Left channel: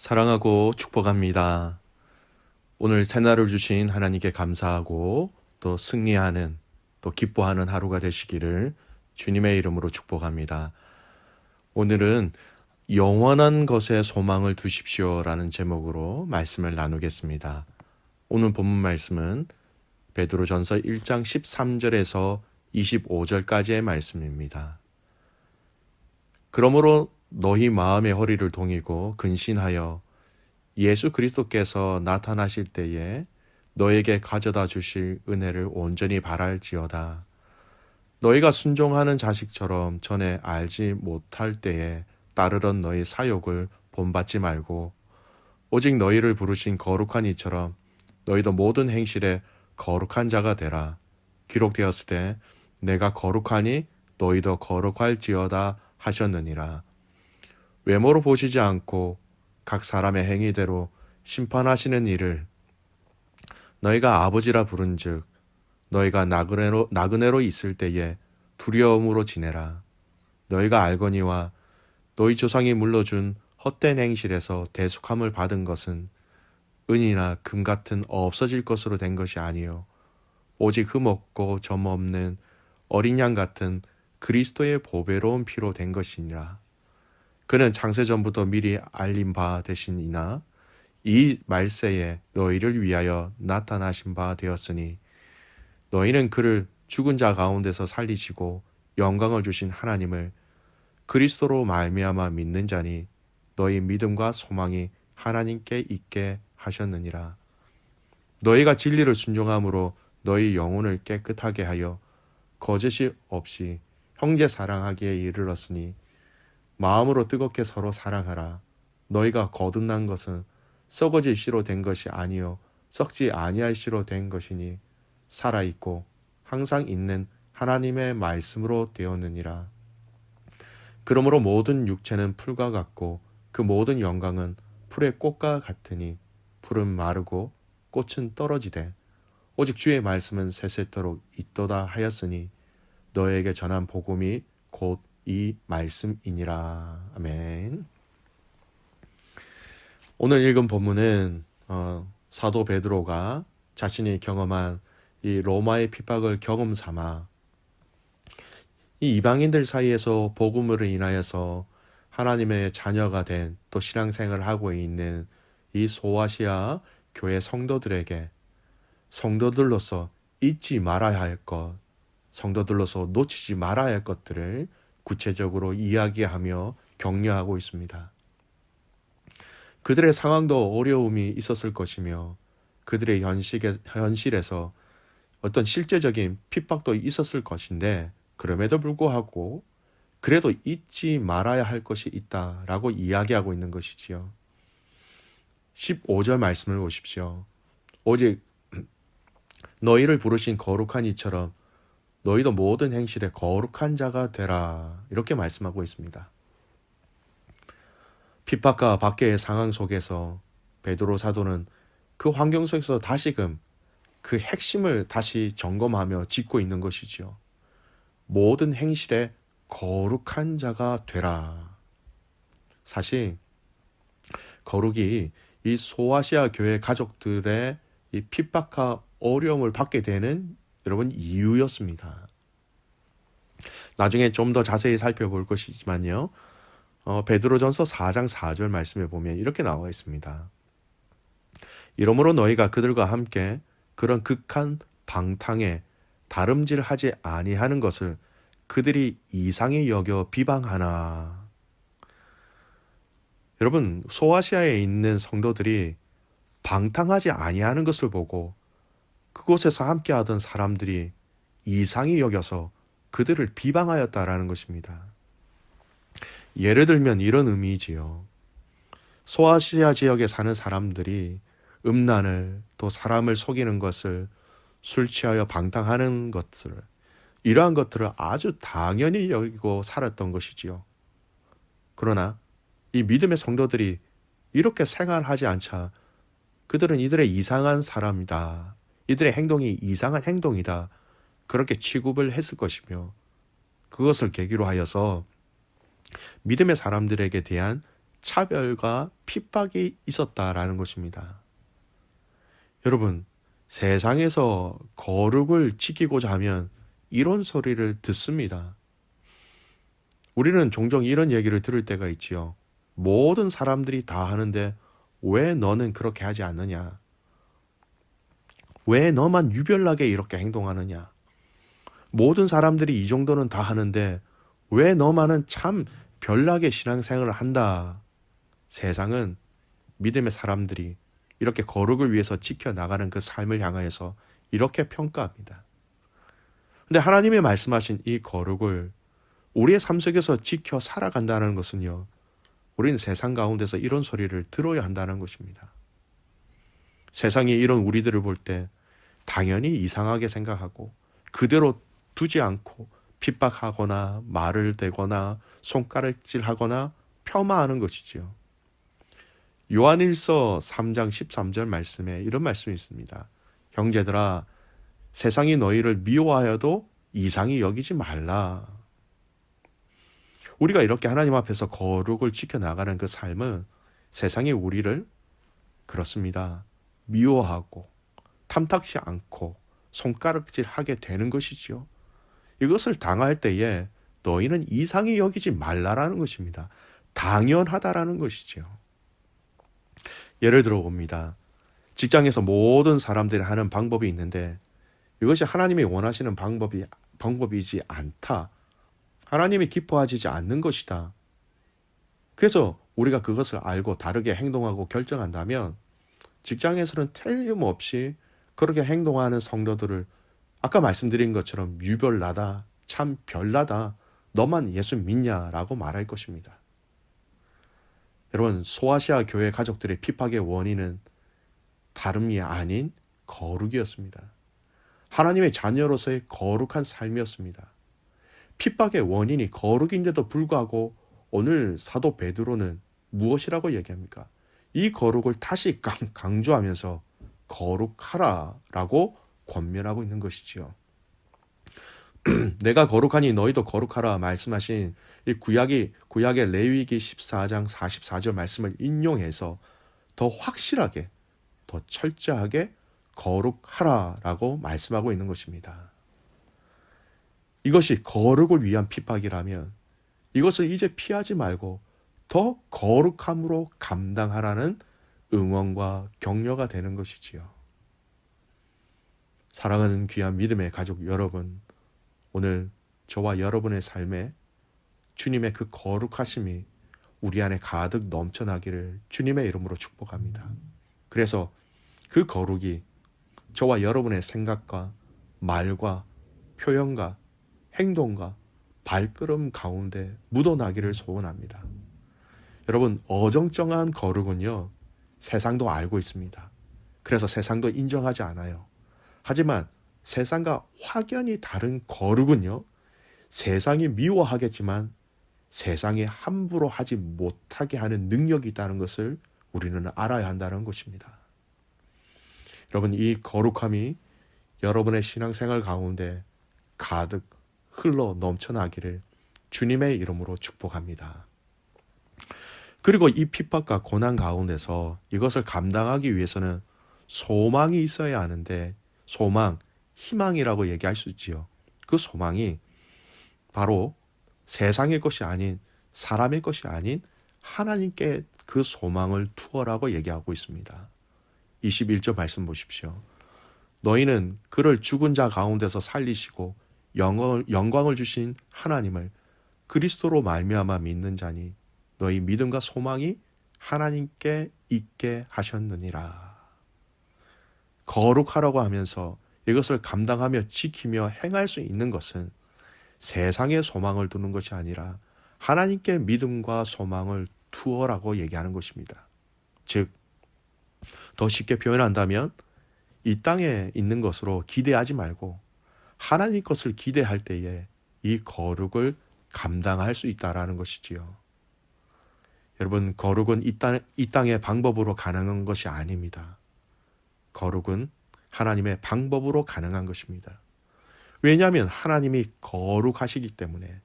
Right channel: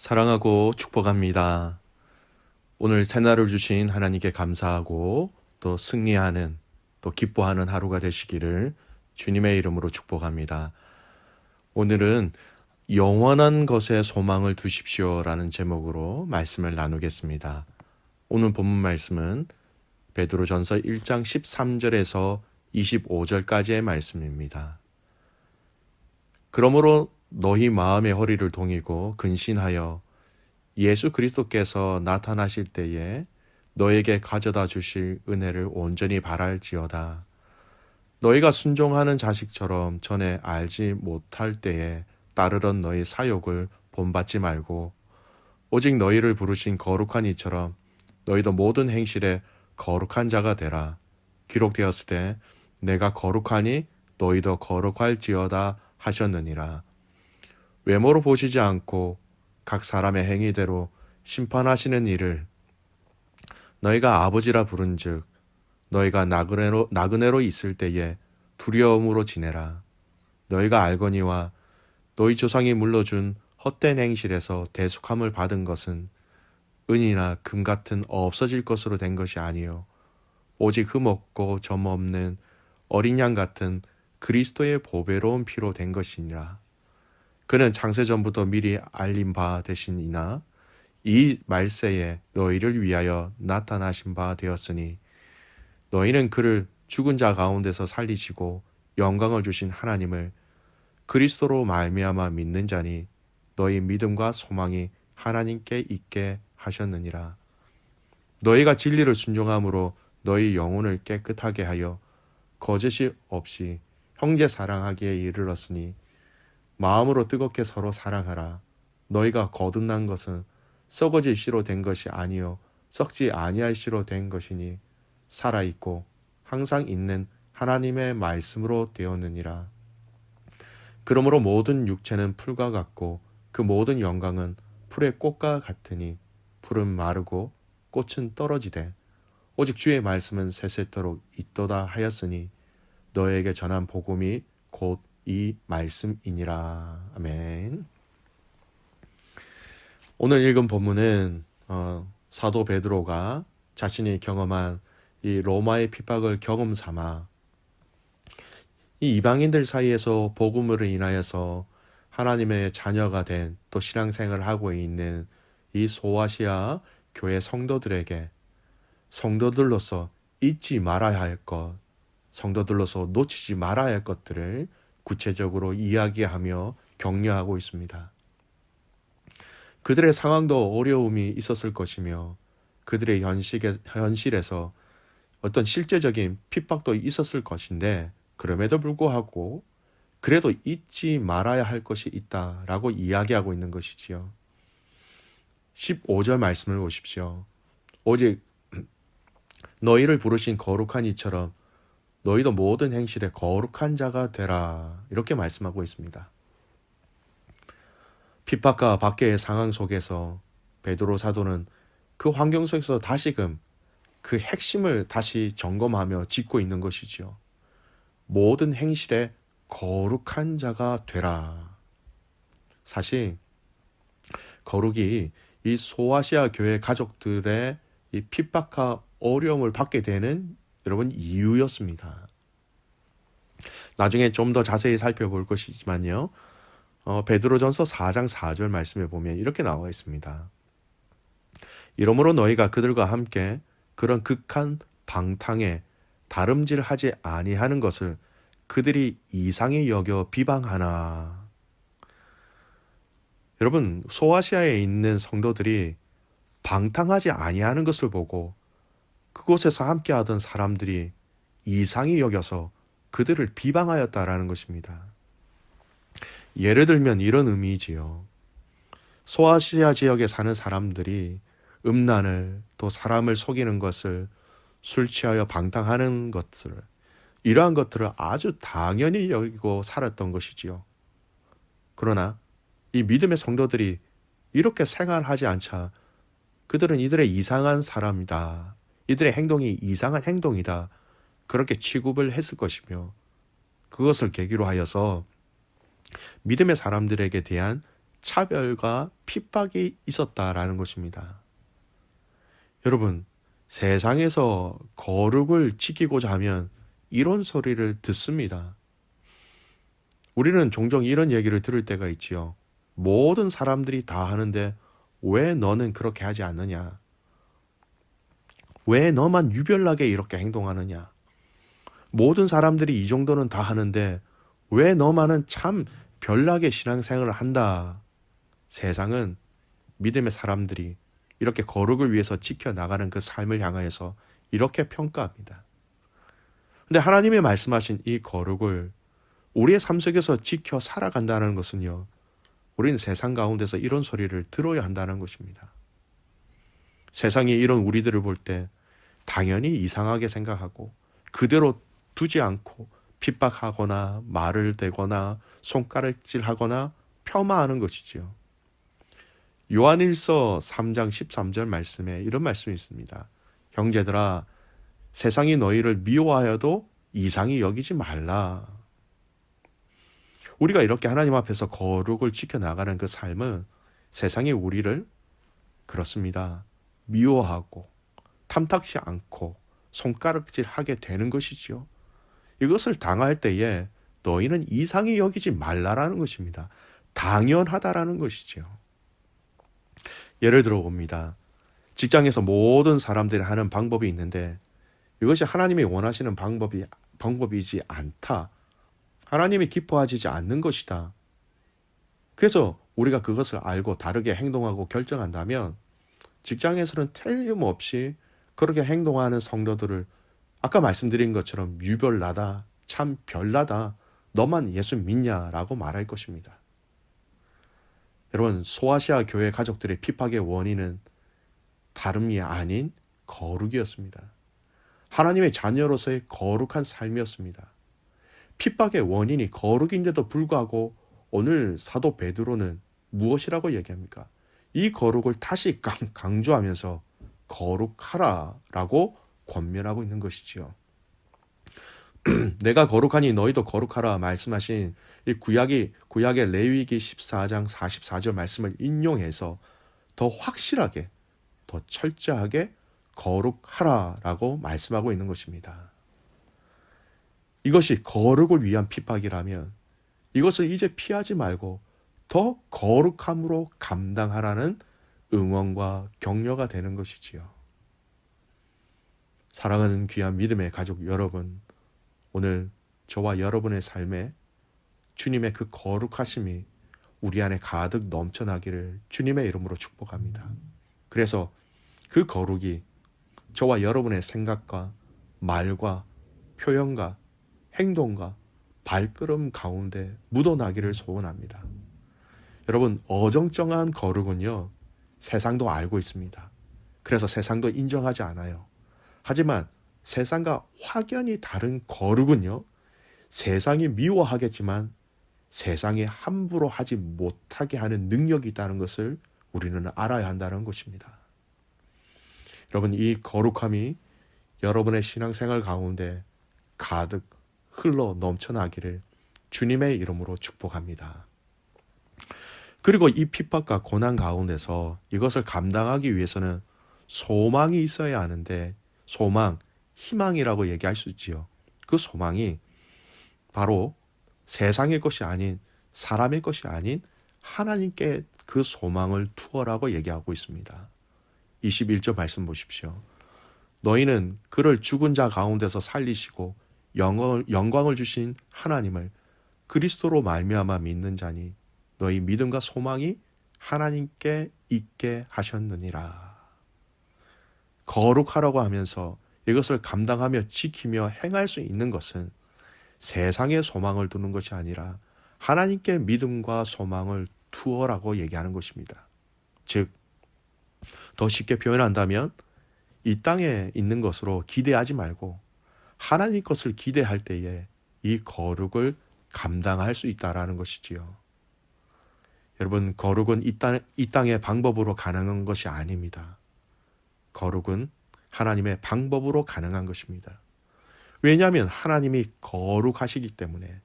사랑하고 축복합니다. 오늘 새날을 주신 하나님께 감사하고 또 승리하는 또 기뻐하는 하루가 되시기를 주님의 이름으로 축복합니다. 오늘은 영원한 것에 소망을 두십시오라는 제목으로 말씀을 나누겠습니다. 오늘 본문 말씀은 베드로전서 1장 13절에서 25절까지의 말씀입니다. 그러므로 너희 마음의 허리를 동이고 근신하여 예수 그리스도께서 나타나실 때에 너에게 가져다 주실 은혜를 온전히 바랄지어다. 너희가 순종하는 자식처럼 전에 알지 못할 때에 따르던 너희 사욕을 본받지 말고 오직 너희를 부르신 거룩한 이처럼 너희도 모든 행실에 거룩한 자가 되라. 기록되었을 때 내가 거룩하니 너희도 거룩할지어다 하셨느니라. 외모로 보시지 않고 각 사람의 행위대로 심판하시는 이를 너희가 아버지라 부른즉 너희가 나그네로 있을 때에 두려움으로 지내라. 너희가 알거니와 너희 조상이 물러준 헛된 행실에서 대속함을 받은 것은 은이나 금 같은 없어질 것으로 된 것이 아니요 오직 흠없고 점 없는 어린 양 같은 그리스도의 보배로운 피로 된 것이니라. 그는 창세전부터 미리 알린 바 되시니나 이 말세에 너희를 위하여 나타나신 바 되었으니 너희는 그를 죽은 자 가운데서 살리시고 영광을 주신 하나님을 그리스도로 말미암아 믿는 자니 너희 믿음과 소망이 하나님께 있게 하셨느니라. 너희가 진리를 순종함으로 너희 영혼을 깨끗하게 하여 거짓이 없이 형제 사랑하기에 이르렀으니 마음으로 뜨겁게 서로 사랑하라. 너희가 거듭난 것은 썩어질 씨로 된 것이 아니요 썩지 아니할 씨로 된 것이니 살아있고 항상 있는 하나님의 말씀으로 되었느니라. 그러므로 모든 육체는 풀과 같고 그 모든 영광은 풀의 꽃과 같으니 풀은 마르고 꽃은 떨어지되 오직 주의 말씀은 세세토록 있도다 하였으니 너에게 전한 복음이 곧 이 말씀이니라. 아멘. 오늘 읽은 본문은 사도 베드로가 자신이 경험한 이 로마의 핍박을 경험 삼아 이 이방인들 사이에서 복음으로 인하여서 하나님의 자녀가 된 또 신앙생활을 하고 있는 이 소아시아 교회 성도들에게 성도들로서 잊지 말아야 할 것, 성도들로서 놓치지 말아야 할 것들을 구체적으로 이야기하며 격려하고 있습니다. 그들의 상황도 어려움이 있었을 것이며 그들의 현실에서 어떤 실제적인 핍박도 있었을 것인데 그럼에도 불구하고 그래도 잊지 말아야 할 것이 있다라고 이야기하고 있는 것이지요. 15절 말씀을 보십시오. 오직 너희를 부르신 거룩한 이처럼 너희도 모든 행실에 거룩한 자가 되라. 이렇게 말씀하고 있습니다. 핍박과 박해의 상황 속에서 베드로 사도는 그 환경 속에서 다시금 그 핵심을 다시 점검하며 짚고 있는 것이지요. 모든 행실에 거룩한 자가 되라. 사실 거룩이 이 소아시아 교회 가족들의 이 핍박과 어려움을 받게 되는 여러분 이유였습니다. 나중에 좀 더 자세히 살펴볼 것이지만요. 베드로전서 4장 4절 말씀에 보면 이렇게 나와 있습니다. 이러므로 너희가 그들과 함께 그런 극한 방탕에 다름질하지 아니하는 것을 그들이 이상히 여겨 비방하나. 여러분, 소아시아에 있는 성도들이 방탕하지 아니하는 것을 보고 그곳에서 함께하던 사람들이 이상히 여겨서 그들을 비방하였다라는 것입니다. 예를 들면 이런 의미지요. 소아시아 지역에 사는 사람들이 음란을 또 사람을 속이는 것을 술 취하여 방탕하는 것을 이러한 것들을 아주 당연히 여기고 살았던 것이지요. 그러나 이 믿음의 성도들이 이렇게 생활하지 않자 그들은 이들의 이상한 사람이다. 이들의 행동이 이상한 행동이다. 그렇게 취급을 했을 것이며 그것을 계기로 하여서 믿음의 사람들에게 대한 차별과 핍박이 있었다라는 것입니다. 여러분, 세상에서 거룩을 지키고자 하면 이런 소리를 듣습니다. 우리는 종종 이런 얘기를 들을 때가 있지요. 모든 사람들이 다 하는데 왜 너는 그렇게 하지 않느냐? 왜 너만 유별나게 이렇게 행동하느냐? 모든 사람들이 이 정도는 다 하는데 왜 너만은 참 별나게 신앙생활을 한다? 세상은 믿음의 사람들이 이렇게 거룩을 위해서 지켜나가는 그 삶을 향하여서 이렇게 평가합니다. 근데 하나님이 말씀하신 이 거룩을 우리의 삶 속에서 지켜 살아간다는 것은요, 우리는 세상 가운데서 이런 소리를 들어야 한다는 것입니다. 세상이 이런 우리들을 볼 때 당연히 이상하게 생각하고 그대로 두지 않고 핍박하거나 말을 대거나 손가락질하거나 폄하하는 것이지요. 요한일서 3장 13절 말씀에 이런 말씀이 있습니다. 형제들아, 세상이 너희를 미워하여도 이상히 여기지 말라. 우리가 이렇게 하나님 앞에서 거룩을 지켜나가는 그 삶은 세상이 우리를 그렇습니다. 미워하고 탐탁지 않고 손가락질하게 되는 것이죠. 이것을 당할 때에 너희는 이상히 여기지 말라라는 것입니다. 당연하다라는 것이죠. 예를 들어 봅니다. 직장에서 모든 사람들이 하는 방법이 있는데 이것이 하나님이 원하시는 방법이지 않다. 하나님이 기뻐하지 않는 것이다. 그래서 우리가 그것을 알고 다르게 행동하고 결정한다면 직장에서는 틀림없이 그렇게 행동하는 성도들을 아까 말씀드린 것처럼 유별나다, 참 별나다, 너만 예수 믿냐라고 말할 것입니다. 여러분, 소아시아 교회 가족들의 핍박의 원인은 다름이 아닌 거룩이었습니다. 하나님의 자녀로서의 거룩한 삶이었습니다. 핍박의 원인이 거룩인데도 불구하고 오늘 사도 베드로는 무엇이라고 얘기합니까? 이 거룩을 다시 강조하면서 거룩하라라고 권면하고 있는 것이지요. 내가 거룩하니 너희도 거룩하라 말씀하신 이 구약의 레위기 14장 44절 말씀을 인용해서 더 확실하게, 더 철저하게 거룩하라라고 말씀하고 있는 것입니다. 이것이 거룩을 위한 핍박이라면 이것을 이제 피하지 말고 더 거룩함으로 감당하라는 응원과 격려가 되는 것이지요. 사랑하는 귀한 믿음의 가족 여러분, 오늘 저와 여러분의 삶에 주님의 그 거룩하심이 우리 안에 가득 넘쳐나기를 주님의 이름으로 축복합니다. 그래서 그 거룩이 저와 여러분의 생각과 말과 표현과 행동과 발걸음 가운데 묻어나기를 소원합니다. 여러분, 어정쩡한 거룩은요, 세상도 알고 있습니다. 그래서 세상도 인정하지 않아요. 하지만 세상과 확연히 다른 거룩은요, 세상이 미워하겠지만 세상에 함부로 하지 못하게 하는 능력이 있다는 것을 우리는 알아야 한다는 것입니다. 여러분, 이 거룩함이 여러분의 신앙생활 가운데 가득 흘러 넘쳐나기를 주님의 이름으로 축복합니다. 그리고 이 핍박과 고난 가운데서 이것을 감당하기 위해서는 소망이 있어야 하는데, 소망, 희망이라고 얘기할 수 있지요. 그 소망이 바로 세상의 것이 아닌, 사람의 것이 아닌 하나님께 그 소망을 투어라고 얘기하고 있습니다. 21절 말씀 보십시오. 너희는 그를 죽은 자 가운데서 살리시고 영광을 주신 하나님을 그리스도로 말미암아 믿는 자니 너희 믿음과 소망이 하나님께 있게 하셨느니라. 거룩하라고 하면서 이것을 감당하며 지키며 행할 수 있는 것은 세상에 소망을 두는 것이 아니라 하나님께 믿음과 소망을 두어라고 얘기하는 것입니다. 즉, 더 쉽게 표현한다면 이 땅에 있는 것으로 기대하지 말고 하나님 것을 기대할 때에 이 거룩을 감당할 수 있다라는 것이지요. 여러분, 거룩은 이 땅의 방법으로 가능한 것이 아닙니다. 거룩은 하나님의 방법으로 가능한 것입니다. 왜냐하면 하나님이 거룩하시기 때문에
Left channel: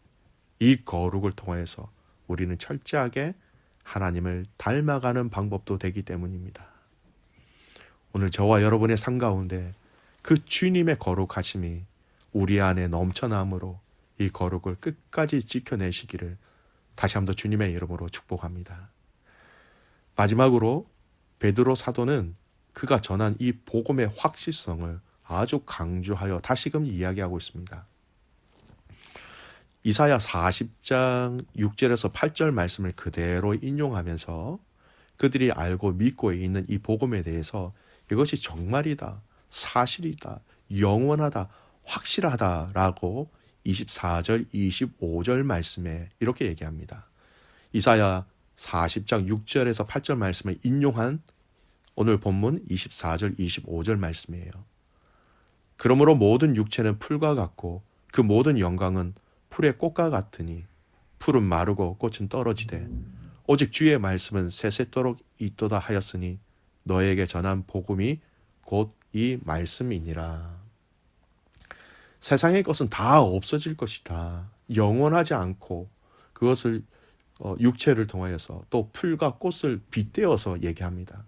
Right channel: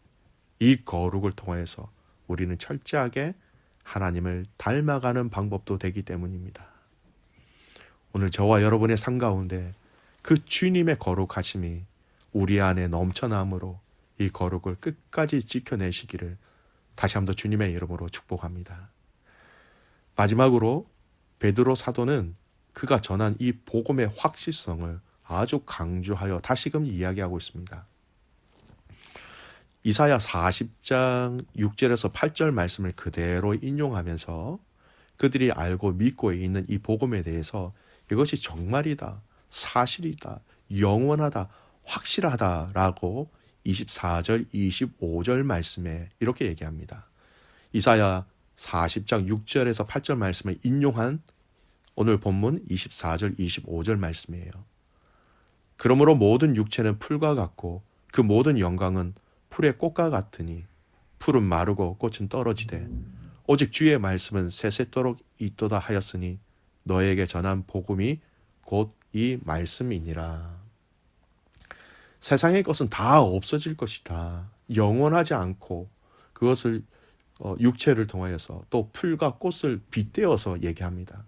이 거룩을 통해서 우리는 철저하게 하나님을 닮아가는 방법도 되기 때문입니다. 오늘 저와 여러분의 삶 가운데 그 주님의 거룩하심이 우리 안에 넘쳐남으로 이 거룩을 끝까지 지켜내시기를 다시 한번 주님의 이름으로 축복합니다. 마지막으로 베드로 사도는 그가 전한 이 복음의 확실성을 아주 강조하여 다시금 이야기하고 있습니다. 이사야 40장 6절에서 8절 말씀을 그대로 인용하면서 그들이 알고 믿고 있는 이 복음에 대해서 이것이 정말이다, 사실이다, 영원하다, 확실하다라고 24절, 25절 말씀에 이렇게 얘기합니다. 이사야 40장 6절에서 8절 말씀을 인용한 오늘 본문 24절, 25절 말씀이에요. 그러므로 모든 육체는 풀과 같고 그 모든 영광은 풀의 꽃과 같으니 풀은 마르고 꽃은 떨어지되 오직 주의 말씀은 세세토록 있도다 하였으니 너에게 전한 복음이 곧 이 말씀이니라. 세상의 것은 다 없어질 것이다. 영원하지 않고 그것을 육체를 통하여서 또 풀과 꽃을 빗대어서 얘기합니다.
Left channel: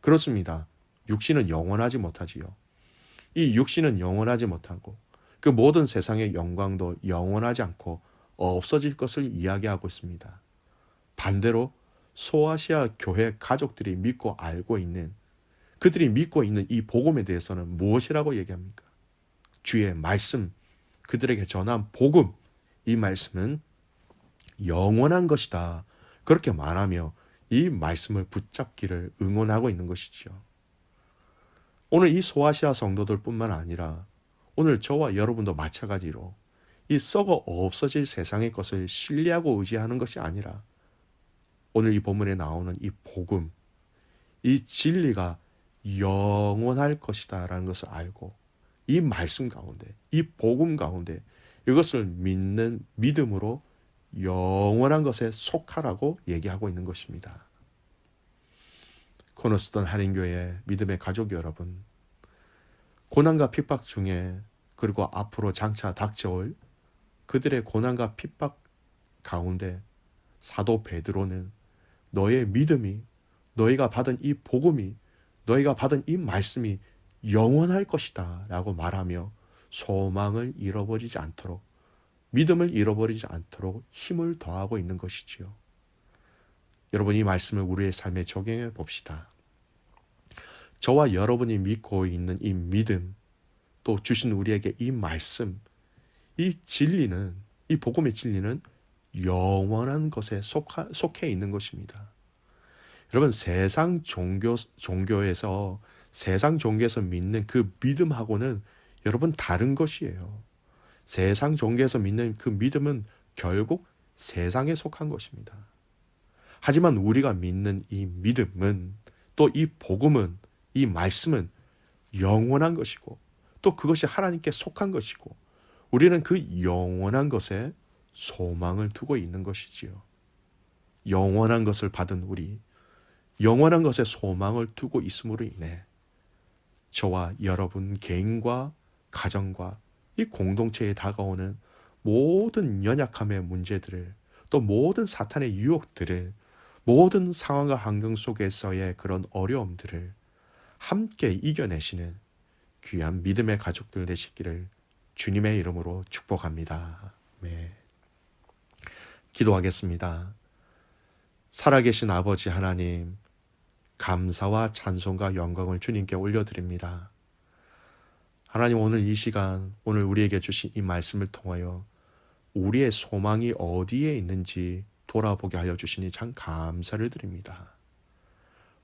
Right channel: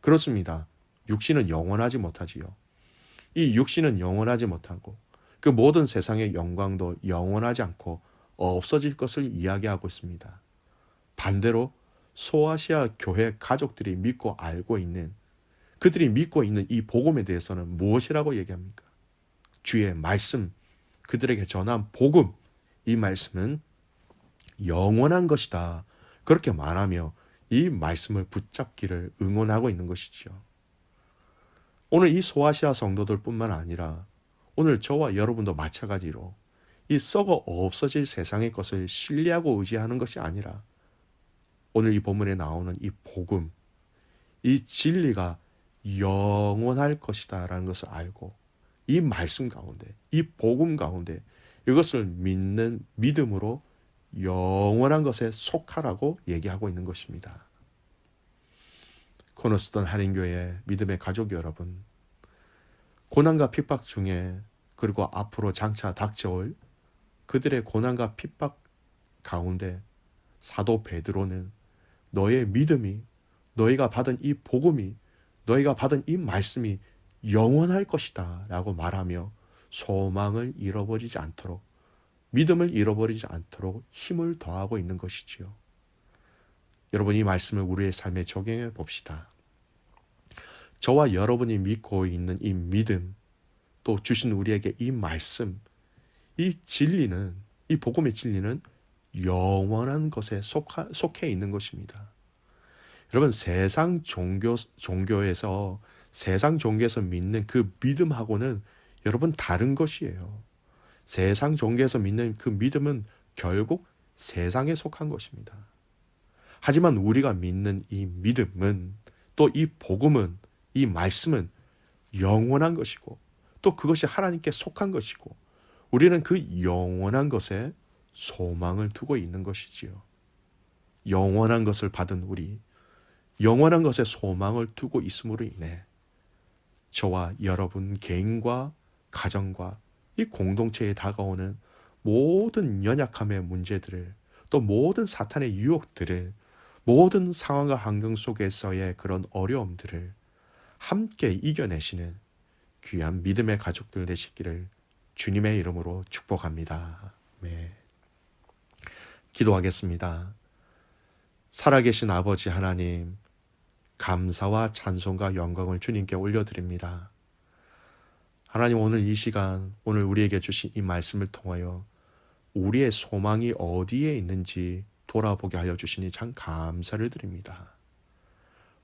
그렇습니다. 육신은 영원하지 못하지요. 이 육신은 영원하지 못하고 그 모든 세상의 영광도 영원하지 않고 없어질 것을 이야기하고 있습니다. 반대로 소아시아 교회 가족들이 믿고 알고 있는 그들이 믿고 있는 이 복음에 대해서는 무엇이라고 얘기합니까? 주의 말씀, 그들에게 전한 복음, 이 말씀은 영원한 것이다. 그렇게 말하며 이 말씀을 붙잡기를 응원하고 있는 것이죠. 오늘 이 소아시아 성도들 뿐만 아니라 오늘 저와 여러분도 마찬가지로 이 썩어 없어질 세상의 것을 신뢰하고 의지하는 것이 아니라 오늘 이 본문에 나오는 이 복음, 이 진리가 영원할 것이다 라는 것을 알고 이 말씀 가운데, 이 복음 가운데 이것을 믿는 믿음으로 영원한 것에 속하라고 얘기하고 있는 것입니다. 코너스턴 한인교회 믿음의 가족 여러분, 고난과 핍박 중에 그리고 앞으로 장차 닥쳐올 그들의 고난과 핍박 가운데 사도 베드로는 너의 믿음이, 너희가 받은 이 복음이, 너희가 받은 이 말씀이 영원할 것이다 라고 말하며 소망을 잃어버리지 않도록, 믿음을 잃어버리지 않도록 힘을 더하고 있는 것이지요. 여러분, 이 말씀을 우리의 삶에 적용해 봅시다. 저와 여러분이 믿고 있는 이 믿음, 또 주신 우리에게 이 말씀, 이 진리는, 이 복음의 진리는 영원한 것에 속해 있는 것입니다. 여러분, 세상 종교에서 믿는 그 믿음하고는 여러분 다른 것이에요. 세상 종교에서 믿는 그 믿음은 결국 세상에 속한 것입니다. 하지만 우리가 믿는 이 믿음은, 또 이 복음은, 이 말씀은 영원한 것이고 또 그것이 하나님께 속한 것이고 우리는 그 영원한 것에 소망을 두고 있는 것이지요. 영원한 것을 받은 우리, 영원한 것에 소망을 두고 있음으로 인해 저와 여러분 개인과 가정과 이 공동체에 다가오는 모든 연약함의 문제들을, 또 모든 사탄의 유혹들을, 모든 상황과 환경 속에서의 그런 어려움들을 함께 이겨내시는 귀한 믿음의 가족들 되시기를 주님의 이름으로 축복합니다. 네. 기도하겠습니다. 살아계신 아버지 하나님, 감사와 찬송과 영광을 주님께 올려드립니다. 하나님, 오늘 이 시간, 오늘 우리에게 주신 이 말씀을 통하여 우리의 소망이 어디에 있는지 돌아보게 하여 주시니 참 감사를 드립니다.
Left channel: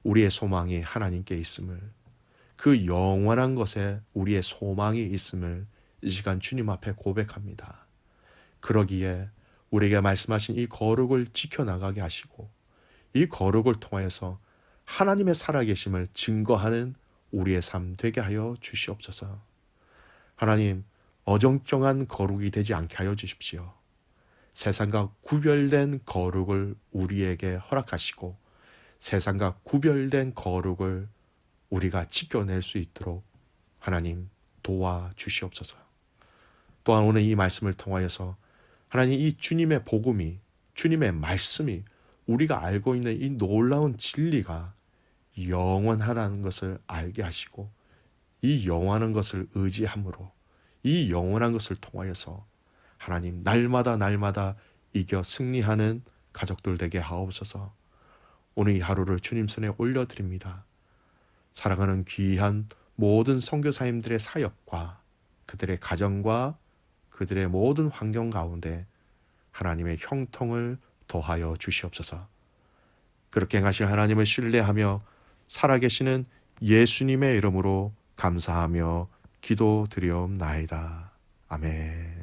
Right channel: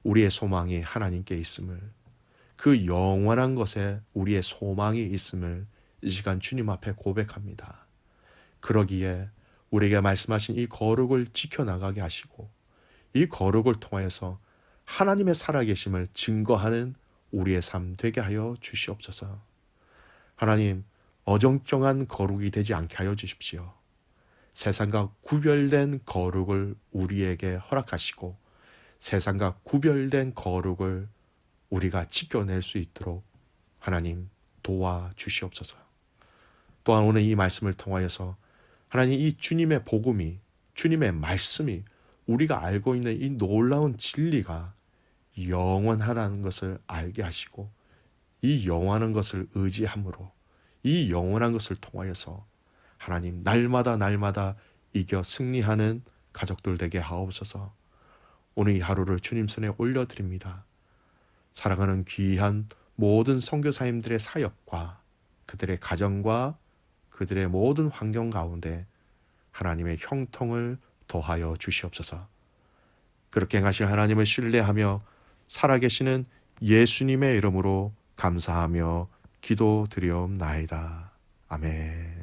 우리의 소망이 하나님께 있음을, 그 영원한 것에 우리의 소망이 있음을 이 시간 주님 앞에 고백합니다. 그러기에 우리에게 말씀하신 이 거룩을 지켜나가게 하시고 이 거룩을 통하여서 하나님의 살아계심을 증거하는 우리의 삶 되게 하여 주시옵소서. 하나님, 어정쩡한 거룩이 되지 않게 하여 주십시오. 세상과 구별된 거룩을 우리에게 허락하시고 세상과 구별된 거룩을 우리가 지켜낼 수 있도록 하나님 도와주시옵소서. 또한 오늘 이 말씀을 통하여서 하나님, 이 주님의 복음이, 주님의 말씀이 우리가 알고 있는 이 놀라운 진리가 영원하다는 것을 알게 하시고 이 영원한 것을 의지함으로 이 영원한 것을 통하여서 하나님 날마다 이겨 승리하는 가족들 되게 하옵소서. 오늘 이 하루를 주님 손에 올려드립니다. 사랑하는 귀한 모든 선교사님들의 사역과 그들의 가정과 그들의 모든 환경 가운데 하나님의 형통을 더하여 주시옵소서. 그렇게 행하실 하나님을 신뢰하며 살아계시는 예수님의 이름으로 감사하며 기도드리옵나이다. 아멘.